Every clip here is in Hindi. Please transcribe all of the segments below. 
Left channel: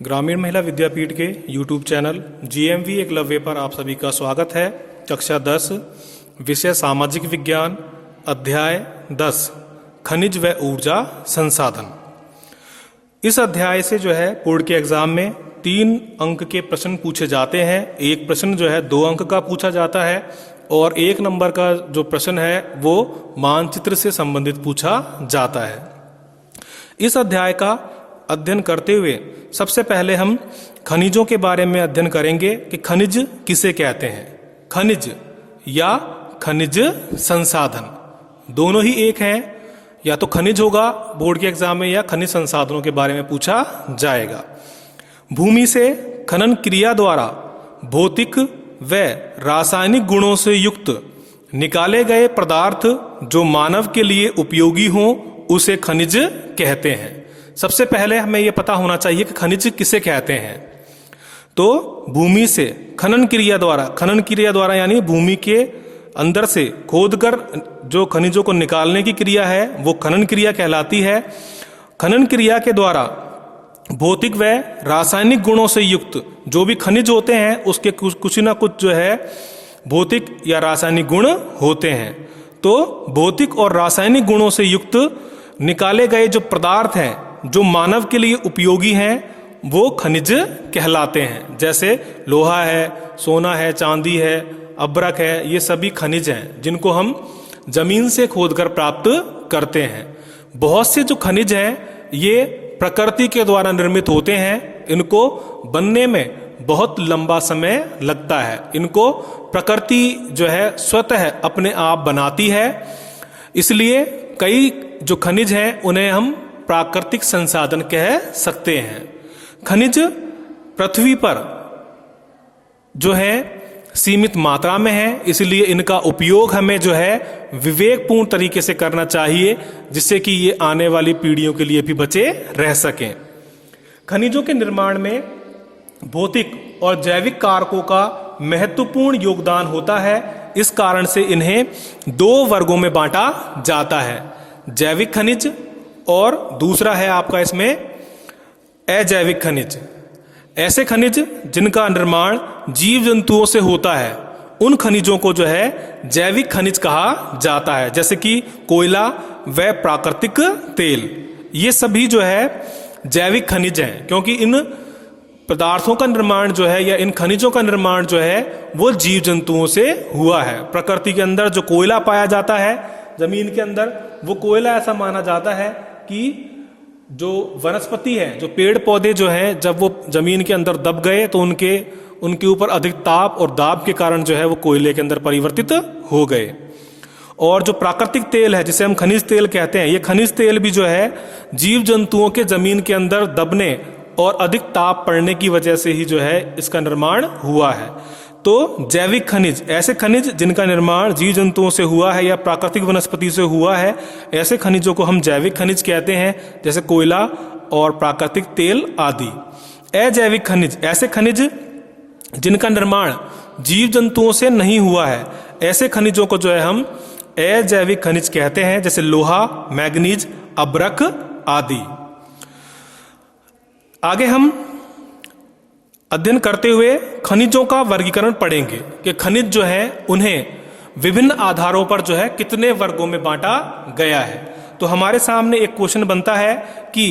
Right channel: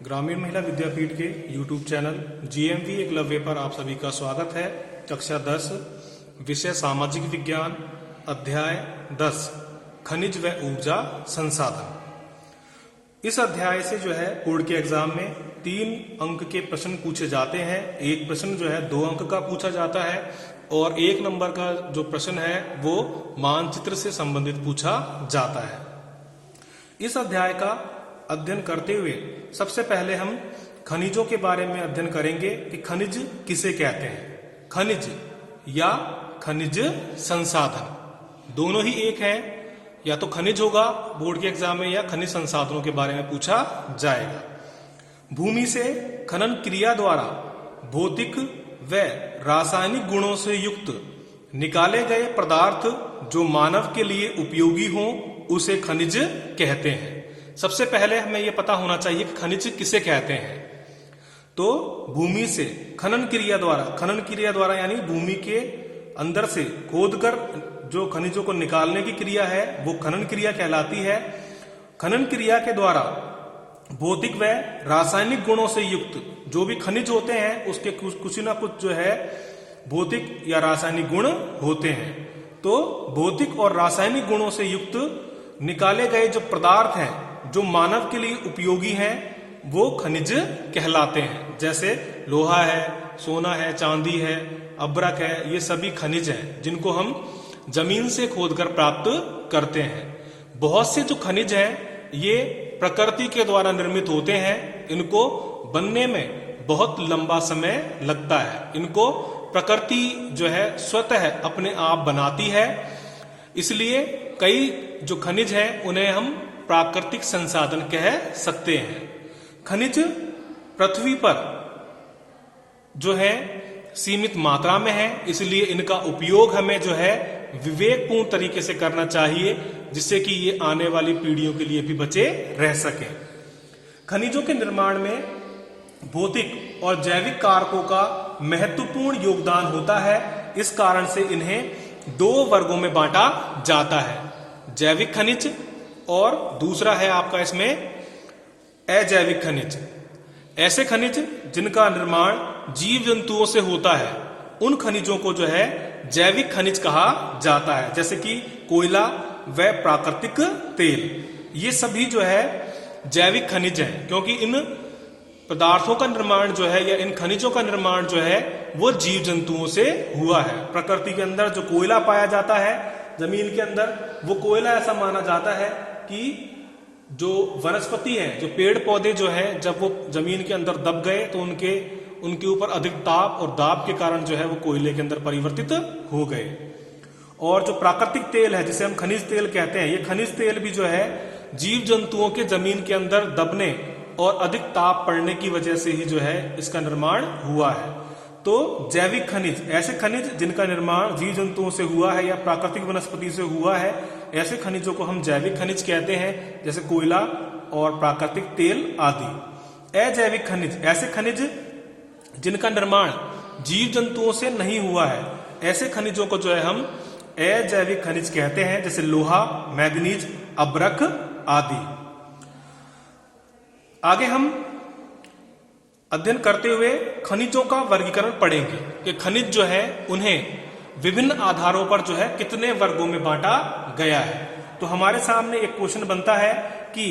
ग्रामीण महिला विद्यापीठ के YouTube चैनल GMV एकलव्य पर आप सभी का स्वागत है। कक्षा 10 विषय सामाजिक विज्ञान अध्याय 10 खनिज व ऊर्जा संसाधन। इस अध्याय से जो है बोर्ड के एग्जाम में 3 अंक के प्रश्न पूछे जाते हैं। एक प्रश्न जो है 2 अंक का पूछा जाता है और 1 नंबर का जो प्रश्न है वो मानचित्र से संबंधित पूछा जाता है। इस अध्याय का अध्ययन करते हुए सबसे पहले हम खनिजों के बारे में अध्ययन करेंगे कि खनिज किसे कहते हैं। खनिज या खनिज संसाधन दोनों ही एक हैं। या तो खनिज होगा बोर्ड के एग्जाम में या खनिज संसाधनों के बारे में पूछा जाएगा। भूमि से खनन क्रिया द्वारा भौतिक व रासायनिक गुणों से युक्त निकाले गए पदार्थ जो मानव के लिए उपयोगी हों उसे खनिज कहते हैं। सबसे पहले हमें यह पता होना चाहिए कि खनिज किसे कहते हैं। तो भूमि से खनन क्रिया द्वारा यानी भूमि के अंदर से खोदकर जो खनिजों को निकालने की क्रिया है वो खनन क्रिया कहलाती है। खनन क्रिया के द्वारा भौतिक व रासायनिक गुणों से युक्त जो भी खनिज होते हैं उसके कुछ ना कुछ जो है भौतिक या रासायनिक गुण होते हैं। तो भौतिक और रासायनिक गुणों से युक्त निकाले गए जो पदार्थ हैं जो मानव के लिए उपयोगी हैं वो खनिज कहलाते हैं। जैसे लोहा है, सोना है, चांदी है, अब्रक है, ये सभी खनिज हैं जिनको हम जमीन से खोदकर प्राप्त करते हैं। बहुत से जो खनिज हैं ये प्रकृति के द्वारा निर्मित होते हैं। इनको बनने में बहुत लंबा समय लगता है। इनको प्रकृति जो है स्वतः अपने आप बनाती है। इसलिए कई जो खनिज हैं उन्हें हम प्राकृतिक संसाधन कह सकते हैं। खनिज पृथ्वी पर जो है सीमित मात्रा में है, इसलिए इनका उपयोग हमें जो है विवेकपूर्ण तरीके से करना चाहिए जिससे कि ये आने वाली पीढ़ियों के लिए भी बचे रह सकें। खनिजों के निर्माण में भौतिक और जैविक कारकों का महत्वपूर्ण योगदान होता है। इस कारण से इन्हें 2 वर्गों में बांटा जाता है, जैविक खनिज और दूसरा है आपका इसमें अजैविक खनिज। ऐसे खनिज जिनका निर्माण जीव जंतुओं से होता है उन खनिजों को जो है जैविक खनिज कहा जाता है, जैसे कि कोयला व प्राकृतिक तेल। ये सभी जो है जैविक खनिज हैं क्योंकि इन पदार्थों का निर्माण जो है या इन खनिजों का निर्माण जो है वो जीव जंतुओं से हुआ है। प्रकृति के अंदर जो कोयला पाया जाता है जमीन के अंदर, वो कोयला ऐसा माना जाता है कि जो वनस्पति है, जो पेड़ पौधे जो हैं, जब वो जमीन के अंदर दब गए तो उनके ऊपर अधिक ताप और दाब के कारण जो है वो कोयले के अंदर परिवर्तित हो गए। और जो प्राकृतिक तेल है जिसे हम खनिज तेल कहते हैं, ये खनिज तेल भी जो है जीव जंतुओं के जमीन के अंदर दबने और अधिक ताप पड़ने की वजह से ही जो है इसका निर्माण हुआ है। तो जैविक खनिज ऐसे खनिज जिनका निर्माण जीव जंतुओं से हुआ है या प्राकृतिक वनस्पति से हुआ है, ऐसे खनिजों को हम जैविक खनिज कहते हैं, जैसे कोयला और प्राकृतिक तेल आदि। अजैविक खनिज ऐसे खनिज जिनका निर्माण जीव जंतुओं से नहीं हुआ है, ऐसे खनिजों को जो है हम अजैविक खनिज कहते हैं, जैसे लोहा, मैग्नीज, अब्रक आदि। आगे हम अध्ययन करते हुए खनिजों का वर्गीकरण पढ़ेंगे कि खनिज जो है उन्हें विभिन्न आधारों पर जो है कितने वर्गों में बांटा गया है। तो हमारे सामने एक क्वेश्चन बनता है कि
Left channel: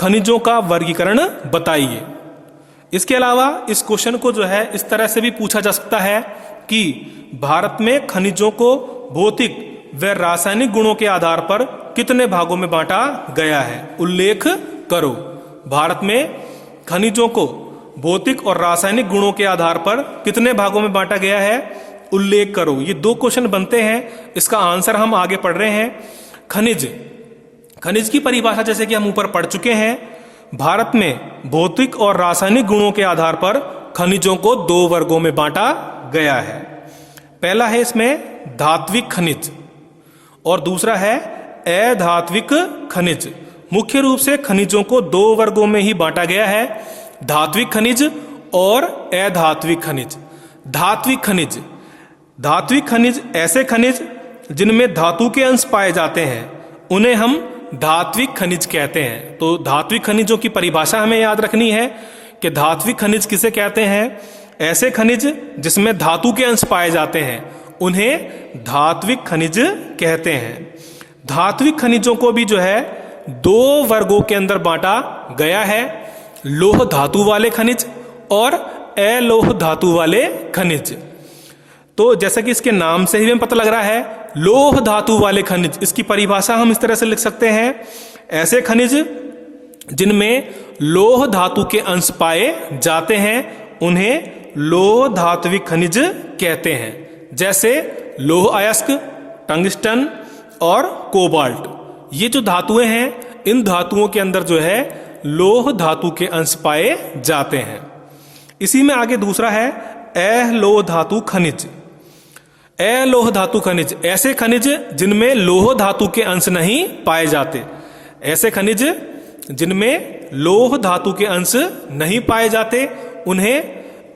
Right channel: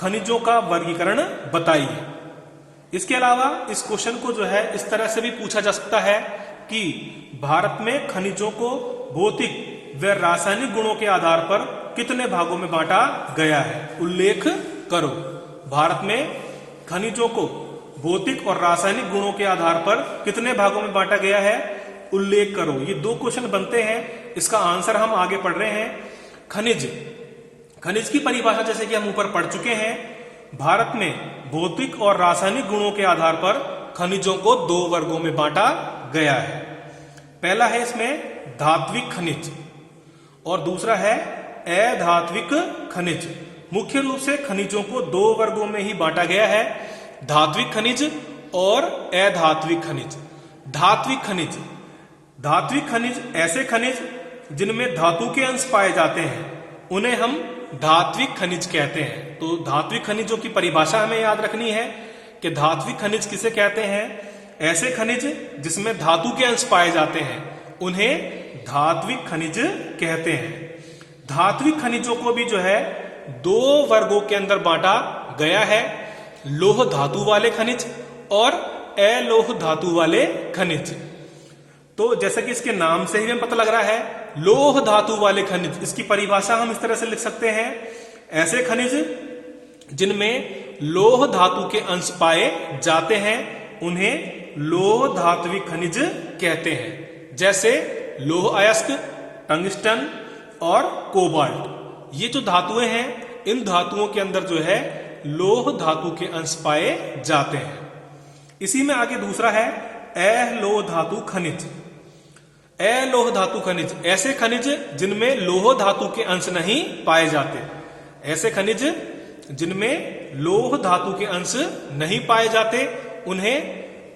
खनिजों का वर्गीकरण बताइए। इसके अलावा इस क्वेश्चन को जो है इस तरह से भी पूछा जा सकता है कि भारत में खनिजों को भौतिक व रासायनिक गुणों के आधार पर कितने भागों में बांटा गया है, उल्लेख करो। भारत में खनिजों को भौतिक और रासायनिक गुणों के आधार पर कितने भागों में बांटा गया है, उल्लेख करो। ये 2 क्वेश्चन बनते हैं, इसका आंसर हम आगे पढ़ रहे हैं। खनिज की परिभाषा जैसे कि हम ऊपर पढ़ चुके हैं। भारत में भौतिक और रासायनिक गुणों के आधार पर खनिजों को 2 वर्गों में बांटा गया है। पहला है इसमें धात्विक खनिज और दूसरा है अधात्विक खनिज। मुख्य रूप से खनिजों को 2 वर्गों में ही बांटा गया है, धात्विक खनिज और अधात्विक खनिज। धात्विक खनिज ऐसे खनिज जिनमें धातु के अंश पाए जाते हैं उन्हें हम धात्विक खनिज कहते हैं। तो धात्विक खनिजों की परिभाषा हमें याद रखनी है कि धात्विक खनिज किसे कहते हैं? ऐसे खनिज जिसमें धातु के अंश पाए जाते हैं उन्हें धात्विक खनिज कहते हैं। धात्विक खनिजों को भी जो है दो वर्गों के अंदर बांटा गया है, लोह धातु वाले खनिज और अलोह धातु वाले खनिज। तो जैसा कि इसके नाम से ही हमें पता लग रहा है, लोह धातु वाले खनिज, इसकी परिभाषा हम इस तरह से लिख सकते हैं, ऐसे खनिज जिनमें लोह धातु के अंश पाए जाते हैं उन्हें लोह धात्विक खनिज कहते हैं। जैसे लोह अयस्क, टंगस्टन और कोबाल्ट, ये जो धातुएं हैं इन धातुओं के अंदर जो है लोह धातु के अंश पाए जाते हैं। इसी में आगे दूसरा है अलोह धातु खनिज। अलोह धातु खनिज ऐसे खनिज जिनमें लोह धातु के अंश नहीं पाए जाते। ऐसे खनिज जिनमें लोह धातु के अंश नहीं पाए जाते उन्हें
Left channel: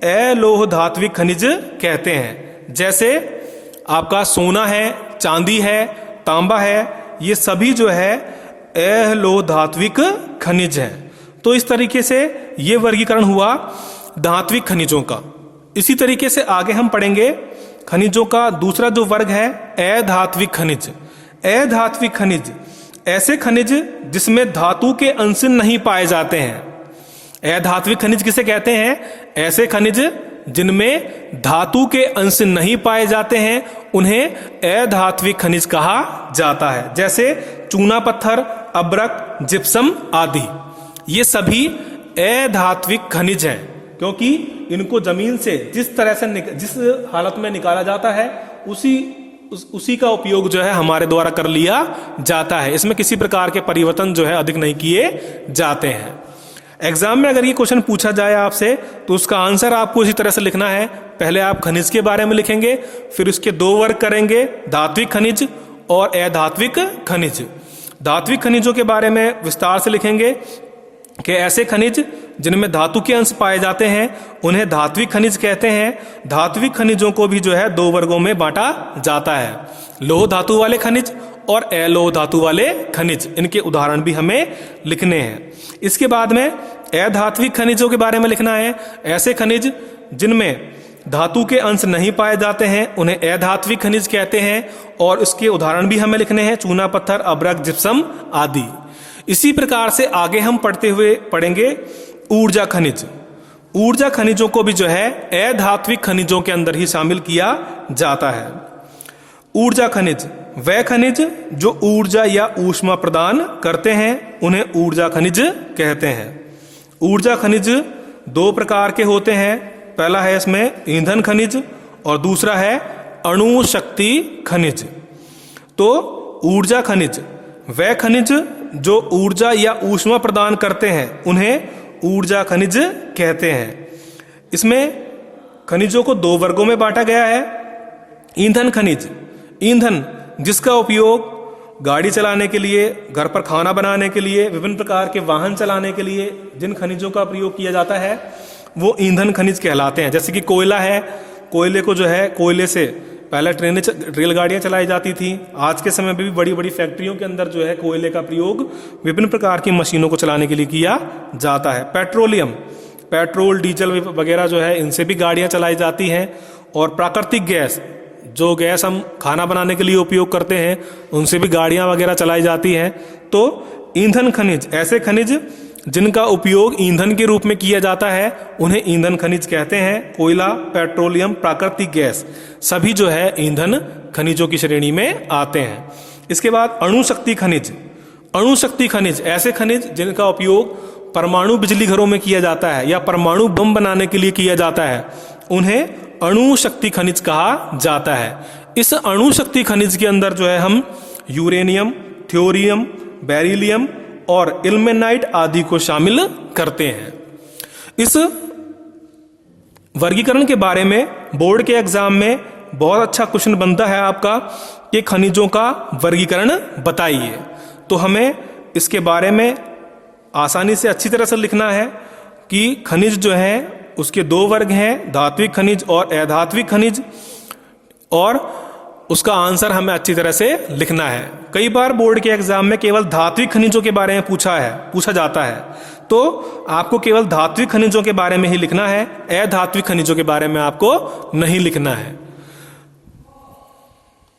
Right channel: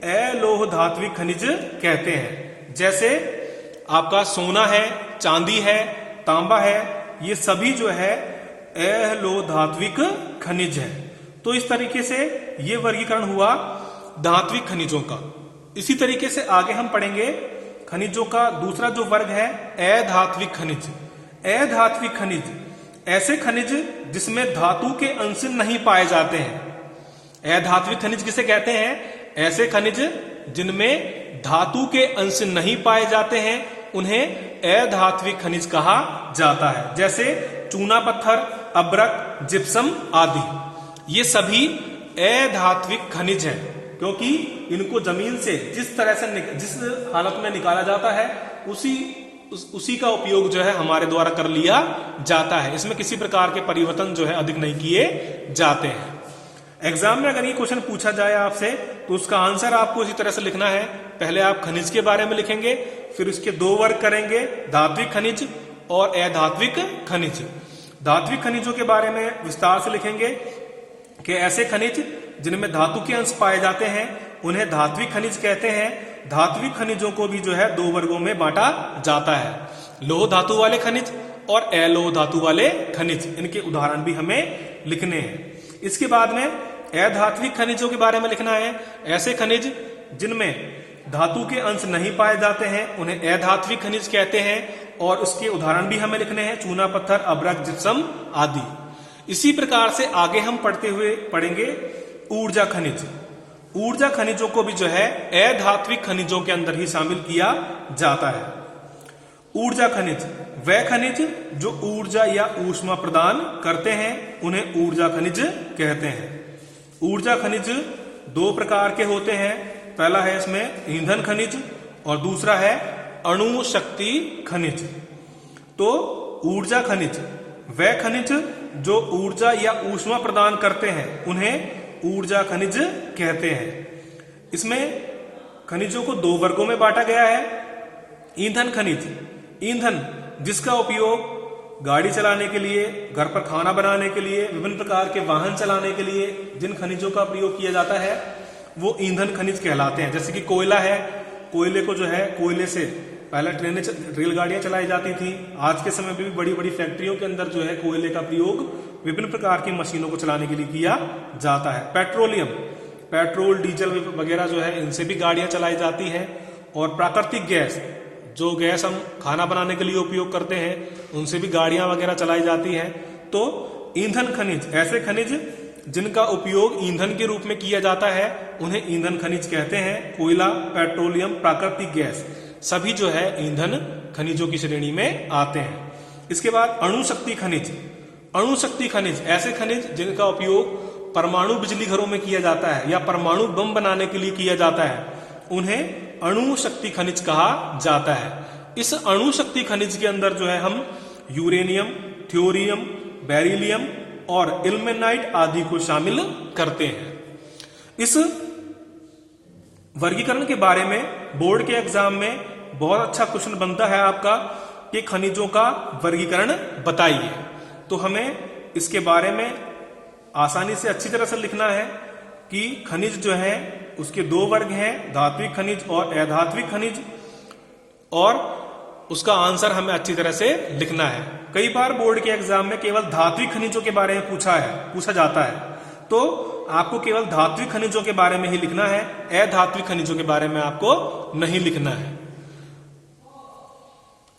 अलोह धात्विक खनिज कहते हैं। जैसे आपका सोना है, चांदी है, तांबा है, ये सभी जो है अलोह धात्विक खनिज है। तो इस तरीके से ये वर्गीकरण हुआ धात्विक खनिजों का। इसी तरीके से आगे हम पढ़ेंगे खनिजों का दूसरा जो वर्ग है अधात्विक खनिज। अधात्विक खनिज ऐसे खनिज जिसमें धातु के अंश नहीं पाए जाते हैं। अधात्विक खनिज किसे कहते हैं? ऐसे खनिज जिनमें धातु के अंश नहीं पाए जाते हैं उन्हें अधात्विक खनिज कहा जाता है। जैसे चूना पत्थर, अब्रक, जिप्सम आदि, ये सभी अधात्विक खनिज हैं क्योंकि इनको जमीन से जिस तरह से जिस हालत में निकाला जाता है उसी का उपयोग जो है हमारे द्वारा कर लिया जाता है। इसमें किसी प्रकार के परिवर्तन जो है अधिक नहीं किए जाते हैं। एग्जाम में अगर ये क्वेश्चन पूछा जाए आपसे तो उसका आंसर आपको इसी तरह से लिखना है। पहले आप खनिज के बारे में लिखेंगे, फिर उसके दो वर्ग करेंगे, धात्विक खनिज और अधात्विक खनिज। धात्विक खनिजों के बारे में विस्तार से लिखेंगे कि ऐसे खनिज जिनमें धातु के अंश पाए जाते हैं उन्हें धात्विक खनिज कहते हैं। धात्विक खनिजों को भी जो है दो वर्गों में बांटा जाता है, लोह धातु वाले खनिज और अलोह धातु वाले खनिज। इनके उदाहरण भी हमें लिखने हैं। इसके बाद में अधात्विक खनिजों के बारे में लिखना है। ऐसे खनिज जिनमें धातु के अंश नहीं पाए जाते हैं उन्हें अधात्विक खनिज कहते हैं और इसके उदाहरण भी हमें लिखने हैं, चूना पत्थर, अब्रक, जिप्सम आदि। इसी प्रकार से आगे हम पढ़ते हुए पढ़ेंगे ऊर्जा खनिज। ऊर्जा खनिजों को भी जो है अधात्विक खनिजों के अंदर ही शामिल किया जाता है। ऊर्जा खनिज वह खनिज जो ऊर्जा या ऊष्मा प्रदान करते हैं उन्हें ऊर्जा खनिज कहते हैं। ऊर्जा खनिज दो प्रकार के होते हैं। पहला है इसमें ईंधन खनिज और दूसरा है अणु शक्ति खनिज। तो ऊर्जा खनिज वह खनिज जो ऊर्जा या ऊष्मा प्रदान करते हैं उन्हें ऊर्जा खनिज कहते हैं। इसमें खनिजों को दो वर्गों में बांटा गया है। ईंधन खनिज, ईंधन जिसका उपयोग गाड़ी चलाने के लिए, घर पर खाना बनाने के लिए, विभिन्न प्रकार के वाहन चलाने के लिए जिन खनिजों का प्रयोग किया जाता है वो ईंधन खनिज कहलाते हैं। जैसे कि कोयला है, कोयले को जो है कोयले से पहले ट्रेनें, रेलगाड़ियां चलाई जाती थी। आज के समय में भी बड़ी बड़ी फैक्ट्रियों के अंदर जो है कोयले का प्रयोग विभिन्न प्रकार की मशीनों को चलाने के लिए किया जाता है। पेट्रोलियम, पेट्रोल, डीजल वगैरह जो है इनसे भी गाड़ियां चलाई जाती हैं। और प्राकृतिक गैस, जो गैस हम खाना बनाने के लिए उपयोग करते हैं उनसे भी गाड़ियां वगैरह चलाई जाती हैं। तो ईंधन खनिज ऐसे खनिज जिनका उपयोग ईंधन के रूप में किया जाता है उन्हें ईंधन खनिज कहते हैं। कोयला, पेट्रोलियम, प्राकृतिक गैस सभी जो है ईंधन खनिजों की श्रेणी में आते हैं। इसके बाद अणु शक्ति खनिज। अणु शक्ति खनिज ऐसे खनिज जिनका उपयोग परमाणु बिजली घरों में किया जाता है या परमाणु बम बनाने के लिए किया जाता है उन्हें अणु शक्ति खनिज कहा जाता है। इस अणु शक्ति खनिज के अंदर जो है हम यूरेनियम, थ्योरियम, बेरिलियम और इल्मेनाइट आदि को शामिल करते हैं। इस वर्गीकरण के बारे में बोर्ड के एग्जाम में बहुत अच्छा क्वेश्चन बनता है आपका कि खनिजों का वर्गीकरण बताइए। तो हमें इसके बारे में आसानी से अच्छी तरह से लिखना है कि खनिज जो है उसके दो वर्ग हैं, धात्विक खनिज और अधात्विक खनिज। और उसका आंसर हमें अच्छी तरह से लिखना है। कई बार बोर्ड के एग्जाम में केवल धात्विक खनिजों के बारे में पूछा जाता है, तो आपको केवल धात्विक खनिजों के बारे में ही लिखना है, अधात्विक खनिजों के बारे में आपको नहीं लिखना है।